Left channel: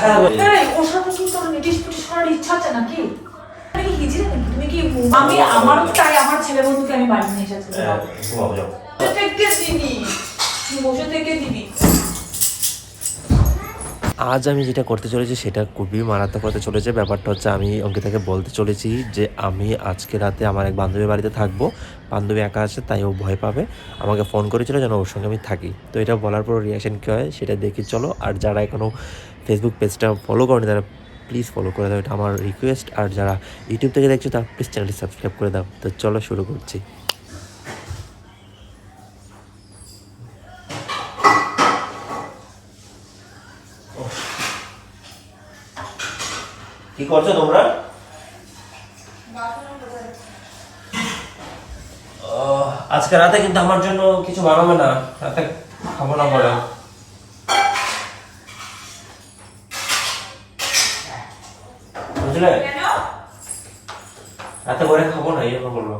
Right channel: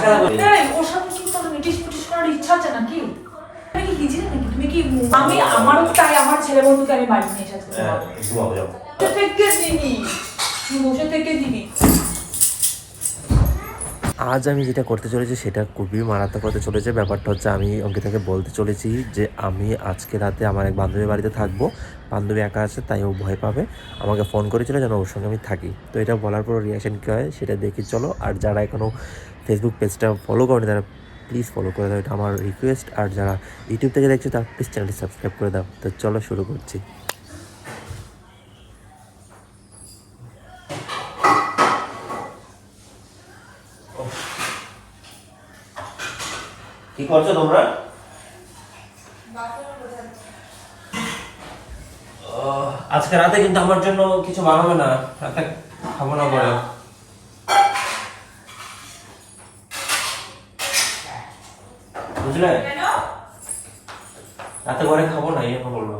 এই ওর সাথে কি তোর নিটিশ পিটিশ করার ইচ্ছা আছে নাকি? তুমি কি হিজড়ে নাকি? তুমি কি আমি আমারও তাই আমার ছেলে বন্ধুকে আমি বাড়ি নিয়ে এসেছি। থেকে দিবি বসে থেকে দিবি। আজ আমি যেটা করতে চলেছি সেটা খুবই মারাত্মক হতে চলেছে। ব্যাপারটা হচ্ছে আমি অঙ্কিতাকে বলতে চলেছি যে আমি আজকে রাতে আমার এক বান্ধবীর বাড়িতে থাকবো। বান্ধবী একা আছে তাই ও ভয় পাবে, আমাকে ফোন করেছিল যেন ওর সঙ্গে আমি থাকি। তো এটা বলার পর রিয়াকশান কী হয় সেটা দেখি চলো। আর যারা এখনও ফেসবুক পেজটা ফলো করেনি তারা প্লিজ ফলো করে দাও, এটা আমার রিকোয়েস্ট। আর যারা ইউটিউব থেকে দেখছো তারা প্লিজ চ্যানেলটি সাবস্ক্রাইব করে দাও। তো চলো শুরু করছি। কি করছো তোমরা? আজকে রাতে কিন্তু আমার জন্য কিছু বানাবে না, রাতে খাবো না পরে। বুঝলে, রাতে পরে খাবো না, এই জন্য বলবো।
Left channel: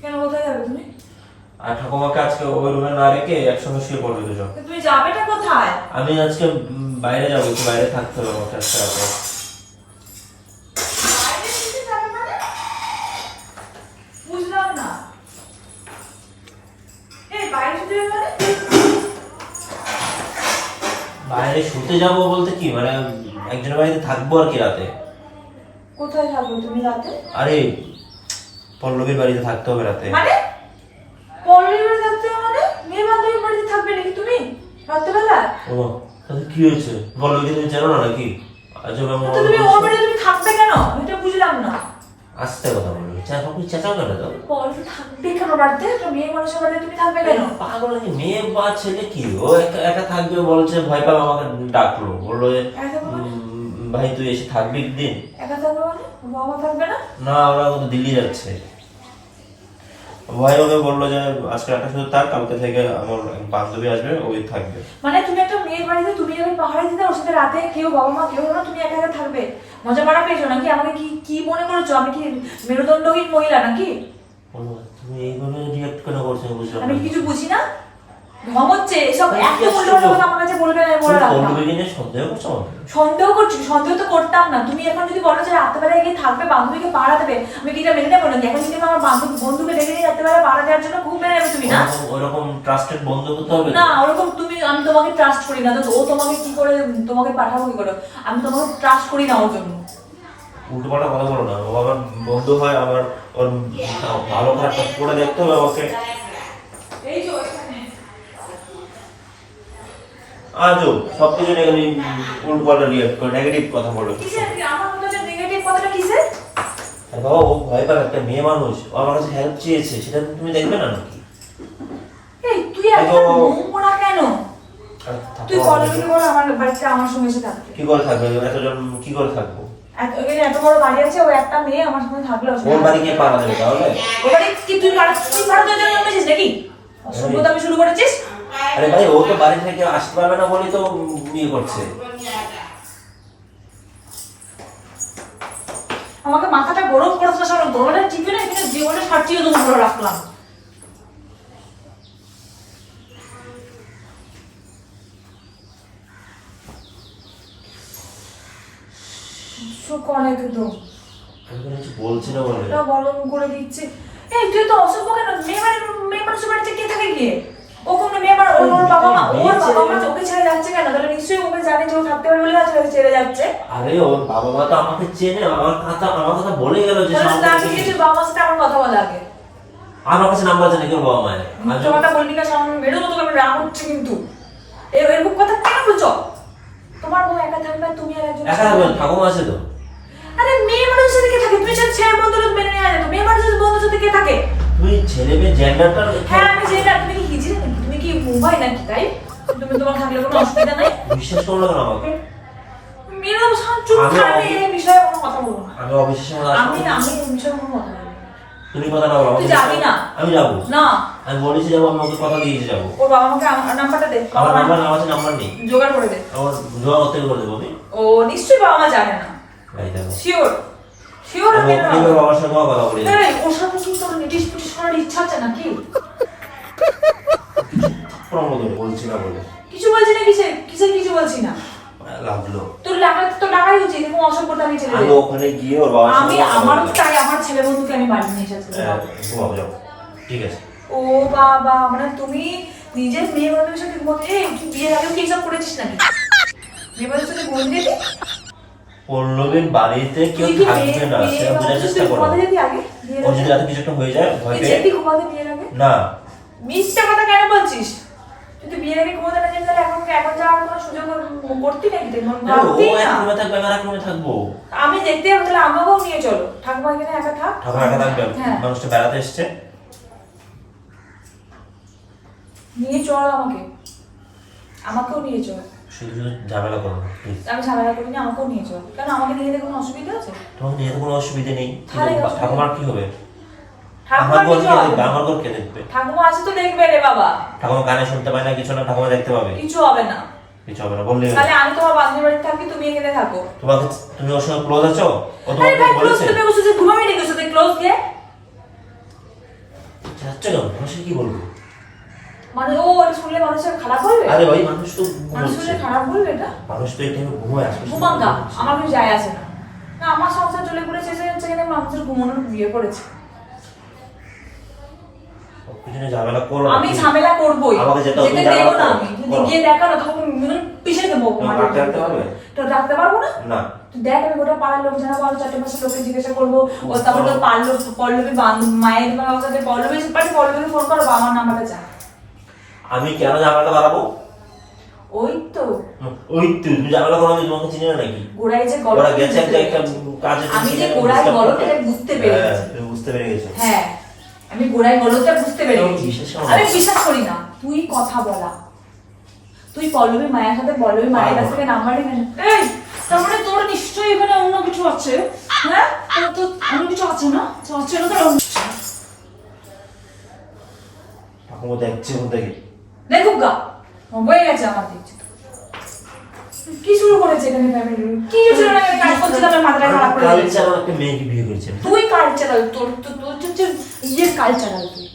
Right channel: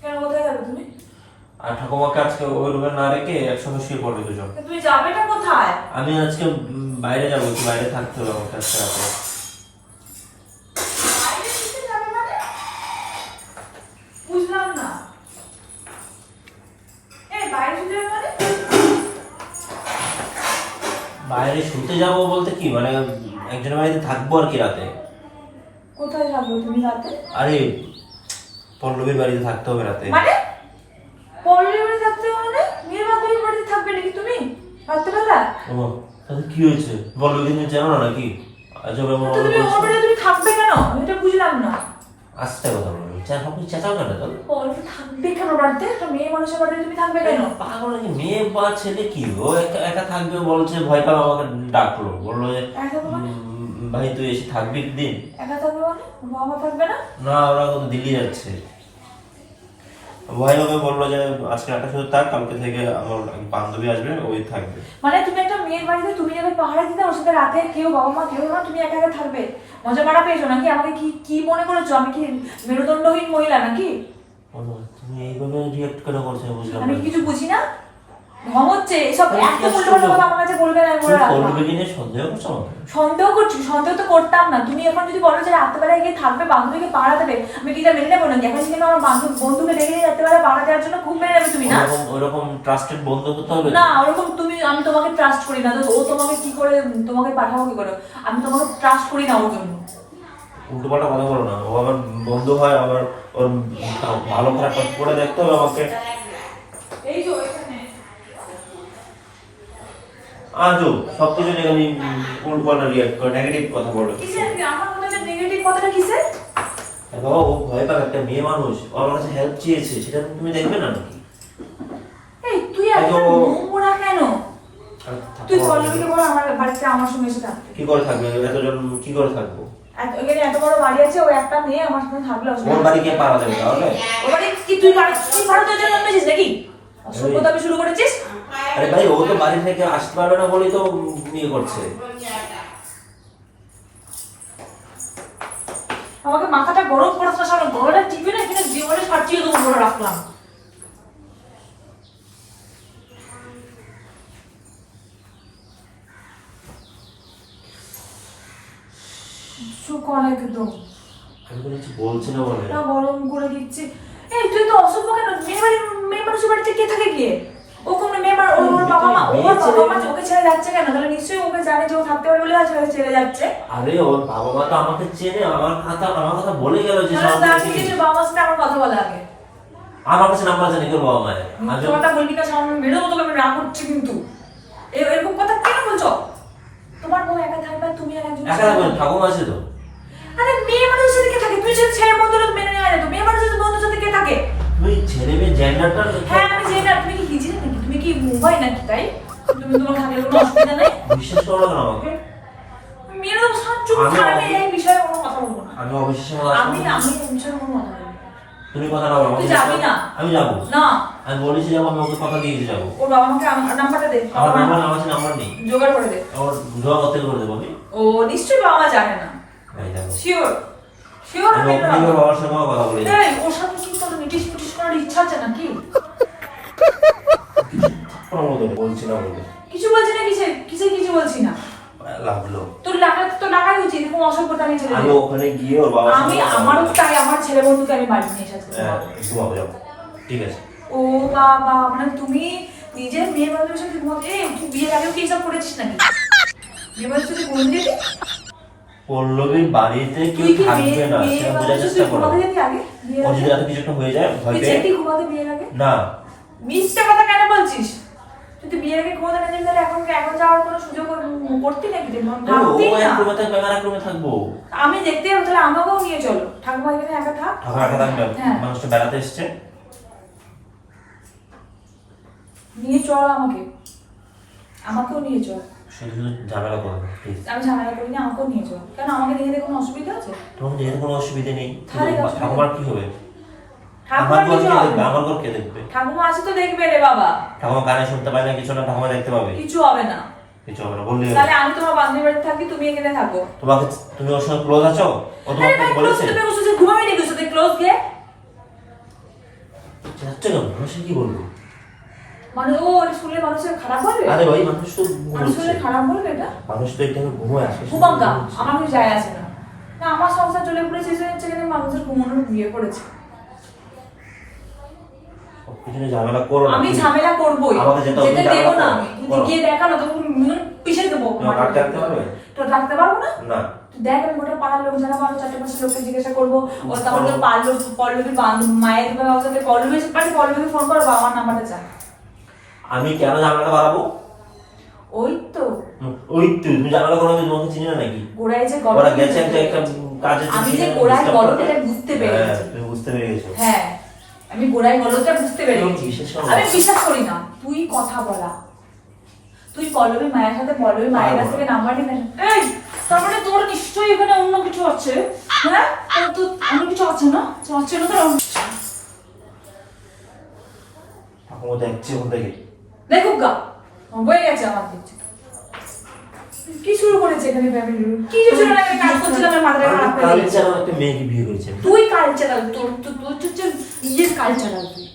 কেন কোথায় যাবে তুমি? আর ঠাকুমাকে আজকে ওই রুমে না রেখে একসঙ্গে শুয়ে পড়বে দুজন। তুমি যাবেটা কোথায়? আমি আজকে বাইরে যাবো, একটু বাইরে থাকতে হবে আমাকে আজকে রাতে। বুঝলাম না। বাইরে শুতে যাবো বলতে কি মানে একজনের বাড়িতে থাকবো আর কি রাতে। কোথায় থাকবে তুমি রাতে? আরে পল্লবীর বাড়িতে থাকতে হবে রাতে। মানে পল্লবীর বাড়িতে থাকতে মানে মেয়ে বান্ধবীর বাড়িতে থাকবে নাকি তুমি রাত্রেবেলা? ও তাহলে কি হয়েছে? পল্লবীকে তুমি জানো না নাকি? আজব এমন তো তুমি ওর বাড়িতে তুমি থাকবে কেন? আমি তো বুঝলাম না। আস্তে কথা বলবি, চেঁচাও কেন দাও? পল্লবী থাকবে কেন বাড়িতে? তো মেয়ে মানুষের বাড়িতে তুমি থাকবে কেন? পাগল নাকি? মেয়ে বা ছেলে কি ও একা থাকবে বলছে, ভয় পাবে আমাকে ডাকলো, বললো ভাই তুই এসে থাকবি একদিন। একা থাকবে মানে বাবা থাকবে না? না ওরা তো দিল্লি যাচ্ছে। ভাই ওকে বললো যে আজকে রাতটা শুধু থাক, কালকে থেকে আমার বান্ধবী আসবে ওই থাকবে। মানে তুমি একটা মেয়ের বাড়িতে তুমি যাবে পাহাড়ে দিতে, ওর সাথে রাতে কেউ বাবা মা কেউ না, তুমি একা একা থাকবে? মজা করা পেয়েছো নাকি? আমাকে কি কি মনে করেছো? আমি কি মেরুদণ্ডহীন মহিলা নাকি? তুমি এইভাবে রিঅ্যাক্ট করে করছো বুঝলাম আমি না। কিছু বুঝি না? ঢং হচ্ছে এসব। এত উল্টো কথা আমার কাছে বলবে না, আমি বলে রাখলাম। পল্লবী কিনে সন্দেহ করছো আমাকে? সন্দেহ করছি? সন্দেহ তো করতাম না। তুমি এখন যদি বলো যে রাত্রেবেলায় গিয়ে থাকবে বান্ধবীকে পাহারা দেবে, আমি কি এটা মেনে নেবো নাকি? এখন যদি আমার বন্ধুকে ডেকে নিয়ে রাত্রেবেলা পাহারা দেওয়ার জন্য খুব মেনে নেবে তুমি না? ওরকম ট্রাস্টেড বন্ধু হতে হবে না ওরকম তুমি, আমি তোমাকে ট্রাস্ট করি না। তো ও তোমাকে কি করে, তোমাকে পাঠাবো কি করে? আমি তোমাকে ট্রাস্ট করি না ওর জন্য। উল্টো পাল্টা কথা বলো না, ও আমার বন্ধু হয়, আমার ওর ভালো খারাপ করে দেখতে হবে আমাকে। এই যে এখানে আজও সবকিছু নিয়ে আমি উল্টো পাল্টা রিয়াক্ট করে নেগেটিভ কথা বলো। কিসের আমার মধ্যে নেগেটিভ কথাটা কিসের? আরে বাবা ও ভয় পাবে, একটা মেয়ে মানুষ, ও আমার কাছে হেল্প চেয়েছে, সেটা তুমি দেখবে না নাকি? এই তুই এত নোংরা কেন? তুই পল্লবীকে বল আমার বাড়িতে আমার সঙ্গে এসে থাকতে। কি করে থাকবে এতজন? কি করে থাকবো? ওখানে এত বড় বাড়ি আছে, ও একটা মেয়ে আমার সঙ্গে থাকলে ওর বাড়ি গিয়ে পাড়া দেবে তাহলে? ওর বাড়ি কি তুই ভাড়া তোর জন্য এনেছিস নাকি? অসভ্যতা আমি শুরু করেছিস? আরে ভাই ও তো বাড়ি থেকে আসতে পারবে না বলেই তো বিয়ে করছে। আমাকে মাথাটা গরম করেছে, সামনে গলাটা টিপে না এখানে জীবনে ফাটিয়ে দেবো বলে রাখলাম। কলে কিন্তু আমি তো কিছু বলছি না বলে। না গরম করে দিচ্ছে। এই তুই তো অসভ্য কেন? মেয়ে মানুষের বাড়িতে কে থাকে গিয়ে? ও কোনো মেয়ে মানুষ, ওর বাবা মা ওকে ছেড়ে যাচ্ছে কেন? তাহলে নিশ্চয়ই ওকে জানে যে ও থাকতে পারে বলে আজকে ছেড়ে যাচ্ছে। আরে ওর বাবা মা তো আমাকে চেনে, আমার কথা বলে গেল যে বাবা মার সাথে আমার কথা বলা আগে। আমার কাছে নাম্বার জানি কি ওর বাবা মায়ের। তোমারটা বলবি না, সামনে মেরে দেবো তোকে। আমি রাগ হচ্ছে কিন্তু এরকম কথা কেন বলছো? তোমার বউ একা থাকবে, তুমি আর একজন একা থাকবে? ঠাকুমা আছে তো। আরে মেয়ে মানুষের সাথে কে থাকে? তুমি ছেলের বন্ধুরা মেনে নেওয়া যেত, মেয়ে মানুষের বন্ধুর সাথে কে থাকে? তুই ছেলে মেয়ে জেন্ডারটা। হ্যাঁ আমি জেন্ডার। তুমি কি হিজড়ে নাকি? তুমি কি মুম্বাই নাকি? তাই তুমি তোমার থাকলে কোনো অসুবিধা নাই? বিশ্বাস করলো না আমাকে? মেয়েরা চুপ করে, আমি এই বিষয়ে কোনো কথা বলবো না। আমি অবিশ্বাস আমি এই বিষয়ে কোনো কথা বলবো না। তুমি কথা না বলো। তুই যাবি না? আমি যাবো না। আমি বলেছি যাবো, আমি ওকে কথা দিয়ে যাবো। ওর বাবা মাকে আমার নাম্বারটা দে। আমার নাম্বার নেই। জোগাড় করে দে। আমার জোগাড় করতে করে দেবো আমি। ও নিশ্চয়ই বাবা মা জানে না। এই দেখো শিওর শিওর আমি ওর বাবার সঙ্গে কথা বলি। এই ওর সাথে কি তোর নিটিশ পিটিশ করার ইচ্ছা আছে নাকি? কোনো বলছি না বলে। কিছু বলছি না? কিছু বলছি না। লাগলো। তোর লাগাই উচিত, এরকম অসভ্যতা আমি ছেড়ে আমি দেবো। ওখানে গিয়ে ওর বাবার আমি আমারও তাই, আমার ছেলে বন্ধুকে আমি বাড়ি নিয়ে এসেছি। ঘুমাবো, যাও, ঠিক আছে। ও বাবা, মানে তুমি নিজের মেয়ের বান্ধবীর সাথে ঘুমোতে, তুই বিয়ের আগেও কি এসব করেছিস নাকি? বিয়ে বাড়ির সাথে ঘুমোতে যেতি? পল্লবীর বাড়িতে কেউ থাকবে না, সেটা বোঝার চেষ্টা করো। ও যদি রাতে কিছু একটা হয়ে যায় ভয় পেয়ে ঘুমাতে বিয়ের আগে না। মিথ্যা কথা কেন বলছিস? তুই তো বিয়ের আগে ঘুমাতে না যেতে, তাহলে এখন যাওয়ার কোনো সুযোগ করতি নাকি? ও এক রুমে থাকবে, আমি এক রুমে থাকবো। আমি দেখতে যাবো, তাহলে আমাকেও নিয়ে চলো। ঠাকুমা এখানে একা থাক। ঠাকুমা একা থাকবে? হ্যাঁ। মানুষটা বেড়াতে এসছে, নিয়ে চলো আমাকেও নিয়ে চল। শুধু শুধু ঝামেলা করো না প্লিজ। আমি ঝামেলা করিনি, আমাকেও নিয়ে চল। কেন, আমাকে নিয়ে যেতে কোনো অসুবিধা আছে? তোমাকে নিয়ে কোনো অসুবিধা নেই, তাহলে কি অসুবিধা? ঠাকুমার কি হবে? ঠাকুমার আমার ঘর কিছু কে হবে দেখবে? না। আমার ঘর কে দেখবে? ঠাকুমা আছে তো দেখবে রে বাবা। ঠাকুমা কানে শুনতে পায় না কিছু না, ঠাকুমা দেখতে পাবে? কিছু হবে না। কিছু হবে না বললে তাহলে আমি তোমার বান্ধবীর বাড়িতে থাকি, তুমি এখানে থাকো। তুমি ওর সঙ্গে ক্লোজ আছো? ও আরে তোমাকে ভাই, ক্লোজ বলেছে? তুমি ওর সাথে ঘুমাবি নাকি? ওর সাথে ক্লোজ গিয়ে যাচ্ছে কেন? মানুষের কি বলবো? মানে ও এটা শুনলে মানুষের খারাপ বলবে? আরে ওই মানুষ তো মানুষ শুনলে খারাপ বলবে এটা? মানুষ তো এখানে ঘুমোয় আসে। ঘুমাঙ্গা, আমার কিছু যায় আসে না। না, আমার সংসার চলে পুরো শেষ হয়ে যাচ্ছে, এখানে মানুষের ঘুমানোর বিয়ে করেছে। কিছু নিয়ে ঝামেলা করো না। আমি ঝামেলা করবোই, আমাকে যেতে হবে, যেতে তুমি দেবো না। ঝামেলা আমি করো। কিন্তু গিয়ে দেখা না, তখন পিছিয়ে দেবো। তোমার রাখতে রাখতে পারবে? তো রাখতে পারবো না। না। তুই দেখ, আমি গোটা পাড়ার লোক যারা বলো, 4-5 লোককে জিজ্ঞাসা করবো। ও তারপর তোর পল্লবী মায়ের সাথে পল্লবীকে ফোন করবো, আমার নাম্বারটা চাই। আমি কেন ঝামেলাটা বাড়াবো? ওই তো ওই তো তুমি ঝামেলা করো, আমি তোমাকে চিনি না নাকি? গোড়ায় যে ওরা গলদ, গেছে একটা কাজে, আমি যে গোড়ায় গলদ এটা বুঝতে পেরেছি। তুমি বুঝতে পেরে গেছো। হ্যাঁ, আমি গোড়ায় গলদটা বুঝতে পেরেছি। বিশ্বাস করো না। আমি বিশ্বাস করি না। তুই কথা বলা, তুই পল্লবী মায়ের সাথে পল্লবী মায়ের কাছ থেকে নাম্বার নিয়ে নেন। এই, তার মানে তোর নিশ্চয়ই এখানে অন্য কিছু আছে। হ্যাঁ, তোর তো অন্য কিছু আছে না? আছে না? তোর ঠাকুমা দেখছি কোন থেকে। দেখুক গা, বয়ে গেছে আমার দেখছি। কি শুরু করেছে এখানে ফ্যামিলি? কি ছিল না, কাজ করছিলাম, আমার মাথাটা খারাপ করে দিয়েছে। কালচার একটা মেয়েকে বিয়ে করেছে। তুই কালচারাল, তোর হচ্ছে ইয়ের কালচারাল। তুই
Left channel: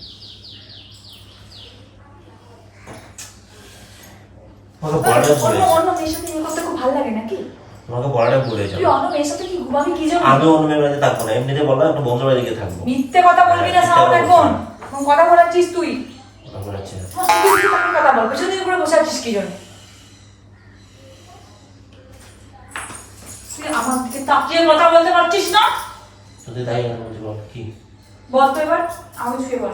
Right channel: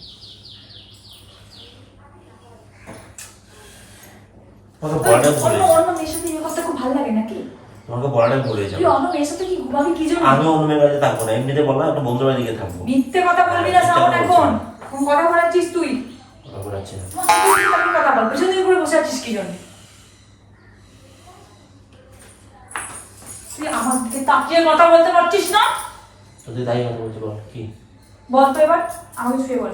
তোমাকে বলাটা ভুলে অন্য মেয়ের সাথে ইয়ে করতে খুব ভালো লাগে নাকি? তোমাকে বলাটা ভুলে যাও। তুই অন্য মেয়ের সাথে কি ঘুমাবি কি জন্য? আমি অন্য মেয়ের বাড়িতে থাকবো না, এমনিতে বললাম একটা বন্ধুর বাড়িতে থাকবো। মিথ্যে কথা বলবি না সাউন্ড এখন। কোন কথা বলাচ্ছিস তুই? কথা বলাচ্ছি না। তুই কথা বল, পেছন দিকে ঘুরে বসে আছিস কি জন্য? তুই আমার দিকে তাকিয়ে কথা বলতে পারছিস না? তুই তাই কথা বলছি, বল কি? বল তো এবার, আমাকে ছুঁয়ে বল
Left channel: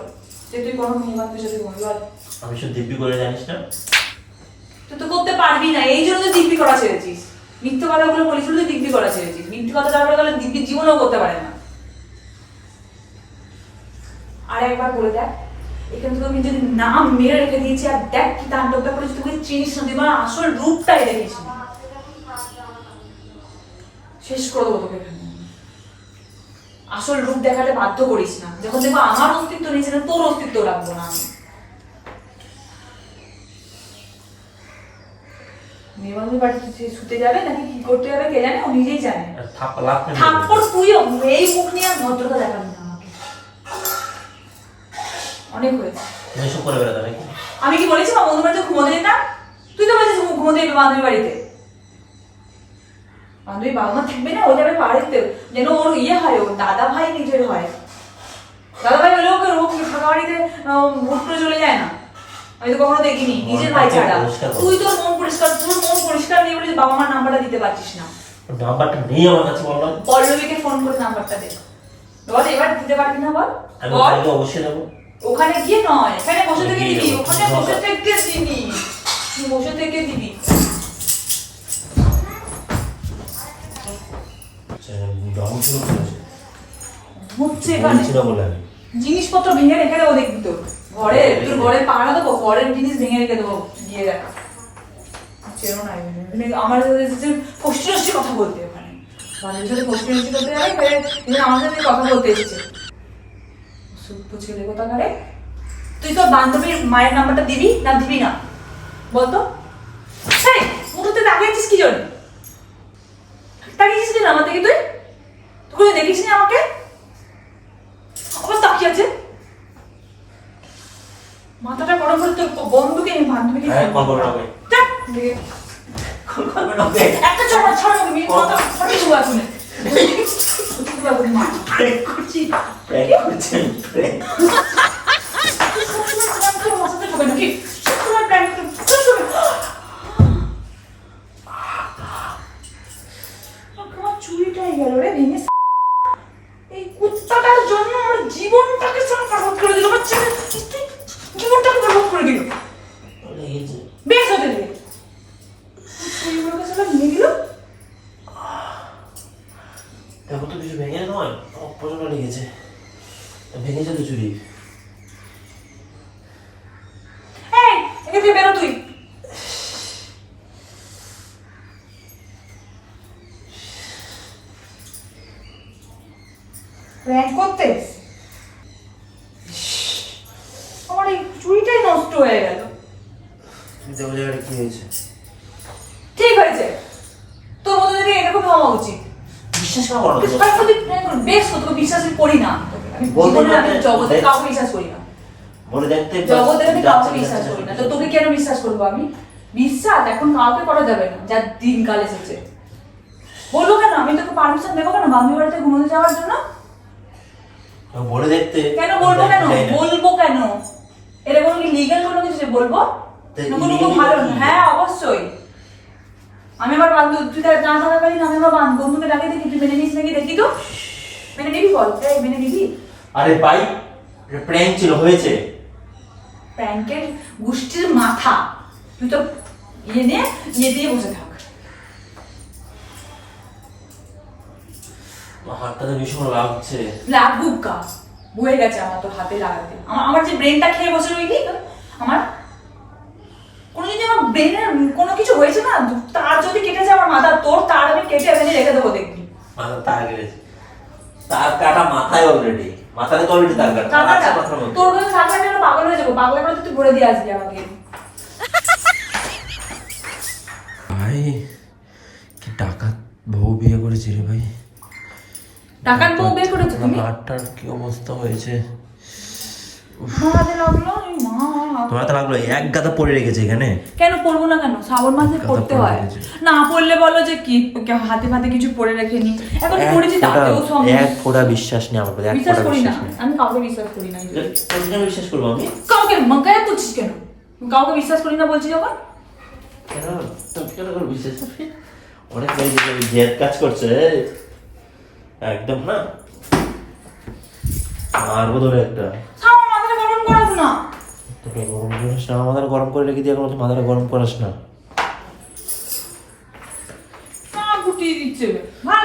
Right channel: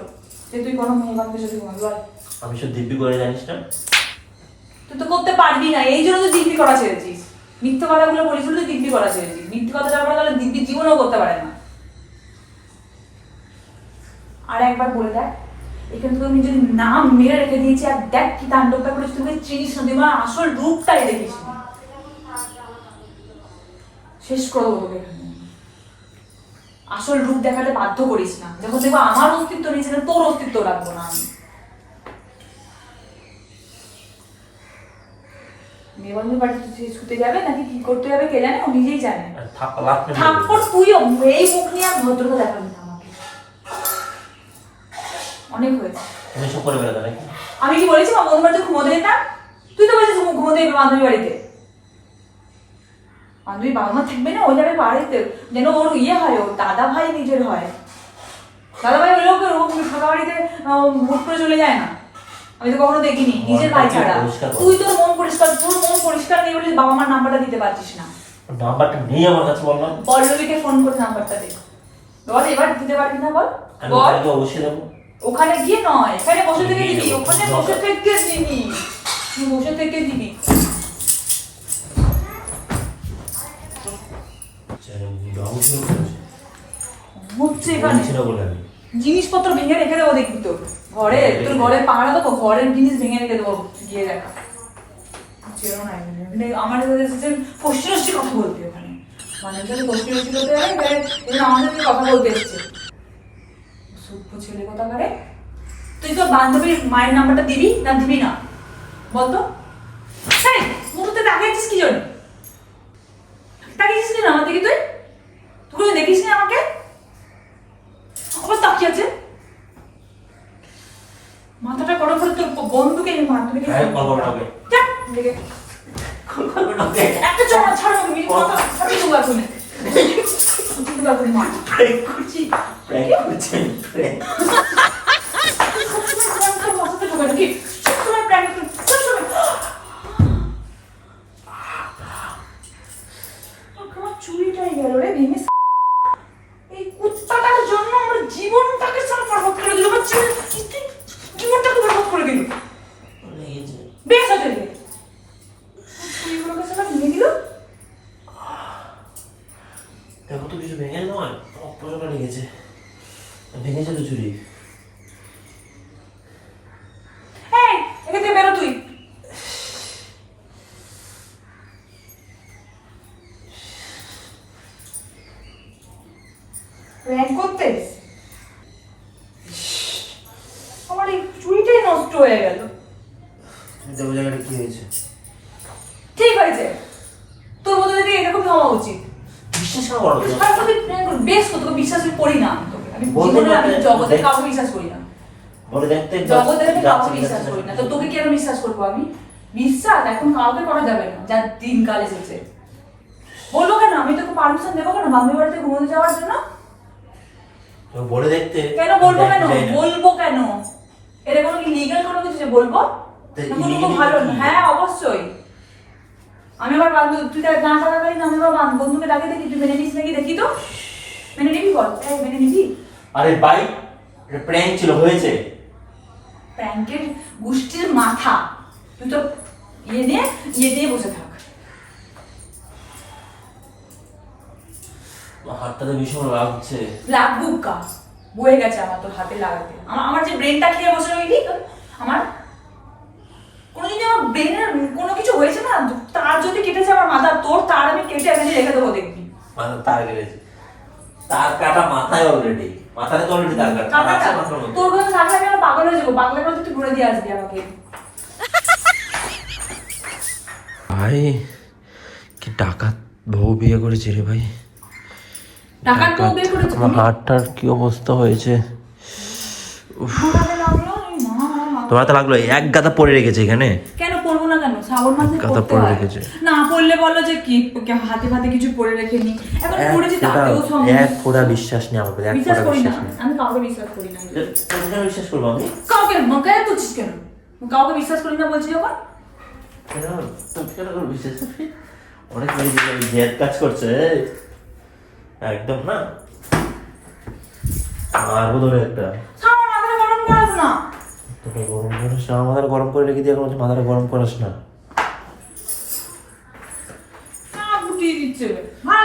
যে তুই কোনো মেয়ে বান্ধবের সাথে ঘুমাবি, বল। আমি সব দিব্যি করে জানিস না? তুই তো করতে পারবি না, এই জন্য তো দিব্যি করা ছেড়েছিস। মিথ্যে কথাগুলো বলিস বলে তুই দিব্যি করা ছেড়েছিস। মিথ্যে কথা যাওয়ার পরে তাহলে দিব্যি জীবনেও করতে পারে না। আর একবার বলে দেখ, এখানে তোকে নিজের নাম মেরে রেখে দিয়েছি, আর দেখ কি তাণ্ডবটা করেছি। তোকে চিনিস না, তুই আমার আসল রূপটাই দেখিস না। শেষ করে দেবো তোকে এখানে। আসল রূপ দেখাতে বাধ্য করিস না। যখন দেখবো আমার অস্তিত্ব নেই, সেখানে তোর অস্তিত্ব রাখবো না আমি। নিবন্ধন বাড়িতে শুতে যাবে নাকি কি করতে যাবে কে জানে, ও নিজেই জানে। থাপ্পড় তুইও এই মুখ নিয়ে আর ভদ্রতা দেখাবি না আমাকে। অনেক হয়েছে। তুমি সব করে বেড়াতে নাকি? আমি কি বলেছি আমার বন্ধু বাড়িতে ঘুমোতে যেতাম? তুই তো বলেছিস ঘুমোতে যাবি বান্ধবীর বাড়িতে। বান্ধবী বাবা মা থাকবে না, ওই যাবে বাড়িতে, যেন ওর ইয়ে হয়, ওর দাদা ভাই নিজের হয়। দাদা ভাই হলেও ওকে ফাঁকা বাড়িতে মুখ করে চলে যায় না। আমি তো কখনো দেখিনি নিজের ভাই ছাড়া। তুই তোর মন পরিষ্কার নেই বলে বাবা মার নাম্বারটা দিতে পারছিস না। নাম্বারটা নেই আমার কাছে, বললাম। পল্লবীকে ফোন করে নাম্বারটা দে। বল এবার দিতে পারবি না? বল। আমি ওখানে গিয়ে অবশ্যই দেবো। ওখানে গিয়ে নয়, এখানে বসে থেকে দিবি। ওখানে বসে থেকে দিবি, বসে থেকে দিবি। হচ্ছে এখানে জিনিসপত্র ভেঙে রেখে দেবো, দেখবি তোর ঘরে, তোর ঘরে পাড়া দেবো, ঘরের জিনিস ভেঙে রেখে দেবো, গিয়ে দেখা। আমার সাথে ফষ্টি কথা বলতে, ওখানে মানুষের সাথে ফষ্টি করতে যাবে, আমার সাথে কথা বলতে এসছে। সভ্য ছেলে কথা করে। তুই তোর বান্ধবীর মায়ের নাম্বারটা দিবি না দিবি না বলতো? হ্যাঁ, মুহূর্তে তাকিয়ে আছিস কি জন্য? তাকিয়েছিস কিনা আমার দিকে? তুই দেখিস না আমাকে? আবার তাকিয়ে আছে। মাথাটা গরম করে তোর বন্ধুকে বান্ধবীকে একটা চড়া ছাড়ো তুমি কথা ফাটিয়ে দেবো এখন প্র্যাঙ্ক করছি প্র্যাঙ্ক। চুরিটাই গেল রে ভেঙে। এই কুত্তাটার জন্য আমার জীবনটাকে বরবাদ করে দিল। জীবনটাকে বরবাদ করে দিল। লেগেছে। বেশ হতে দিল এইগুলোকে সবাই নিয়ে দিল। দেখো তো কিছু ভেঙে নয়, প্রচন্ড লেগেছে। ভেঙে চলে চুরি। এই এখান থেকে বেরো তুই। প্র্যাঙ্ক করতে আমার এই চুরিটাই নষ্ট হয়ে গেল। তুমি দেখো জায়গাটা কি হয়েছে। ঠিক হয়েছে, তোর মতো যদি এরকম হওয়া উচিত। বিশ্বাস করো না। আমি যদি প্র্যাঙ্ক করি বেশ তো, তোকে বিশ্বাস করি না। আমি জীবনে আমি জগতে কাউকে বিশ্বাস করি না। বলে দেখতে জগতে আমি কাউকে বিশ্বাস করি না। তো তোকে কেন বিশ্বাস করবো আমি? বিশ্বাস এখন কাউকে করা যাবে না, যার দিনকাল এসেছে। বলবো কেন? আমি তোকে পারমিশন দেবো কেন মামির বাড়িতে ঘুমোতে যাওয়ার জন্য? বলে দেখতে কেন বলবো? কেন বলবো? কেন এটা কোনো লিগ্যাল কোনো কিছু যে বলবো? কোনো ভালো না। হ্যাঁ অবশ্যই। আমি আবার বান্ধব তুই না থাকাকালীন আমি আমার বন্ধুকে ডাকে দেখি, তুই মেনে নিস নাকি দেখি তো। মেনে নিবি? বল এই মেনে নিবি? আরে ভাই প্র্যাঙ্ক ছিল, হয়েছে। প্র্যাঙ্কের গোষ্ঠীর মাথা তুই তো ইয়ে দিয়ে বসে থাক। আমার হাতটাতে ভীষণ লাগছে। লাগুক কা বয়ে গেছে আমার তোর হাতে লাগাতে। আমার যে ব্রেনটা খেয়ে বসে রইলি তো, আমার কোনো যদি আমার ব্রেনের কোনো কিছু হয়েছে না, তার যদি কেটেছে আমার মাথা, তোর তার আমি কেটে এনে রেখে দেবো দেখবি। মাথা তার কেটেছে, তার কাটা মাথায় অলরেডি, মাথায় তো অলরেডি তার কাটা। কাটাটা তোর কাছে থাকলে আমি পাগল হয়ে যাবো। পাগলের মধ্যে তুই ভরে দিয়ে আসবি আমাকে। ভাই কি ডাকাত বউ বিয়ে করেছে রে ভাই। টাকার বউ বিয়ে করেছো আমার তুমি? হাতটার কি অবস্থা হয়েছে। তোমার লাগলো? এই মা, তোমার তো লাগলো এক গাদা পড়ে রেখেছে এখানে। কেন পড়বো না? কেন শ্রাবণ মাসে কথা পড়তে পড়ে হয় রেখেছে। না? পড়লে বলো যে কি হাতে ফাতে কিছু পড়ে রেখেনি। এখন পড়েছি তাতেও এক ফোঁটা বিশ্বাস নেই আমার প্রতি, এক বিশ্বাস ফোঁটা করি না। বিশ্বাস নেই। আমি কাউকে বিশ্বাস করি না। তুমি কেন বিশ্বাস করবো আমি? কাউকে মগায় তুলছিস কেন? কাউকে বিশ্বাস করি না বলছি যখন। কেন তুমি কেন করে বিশ্বাস করবি? অনেক ভাই জেদ কাজ করছে একদম না। আর ধরে একটা আমার মাথাটা গরম করাস না। তোকে গরম করিস না, মাথাটা গরম করে রেখে দিয়ে এখন মাথাটা গরম করিস না। গুটিয়ে দিচ্ছে। ভালো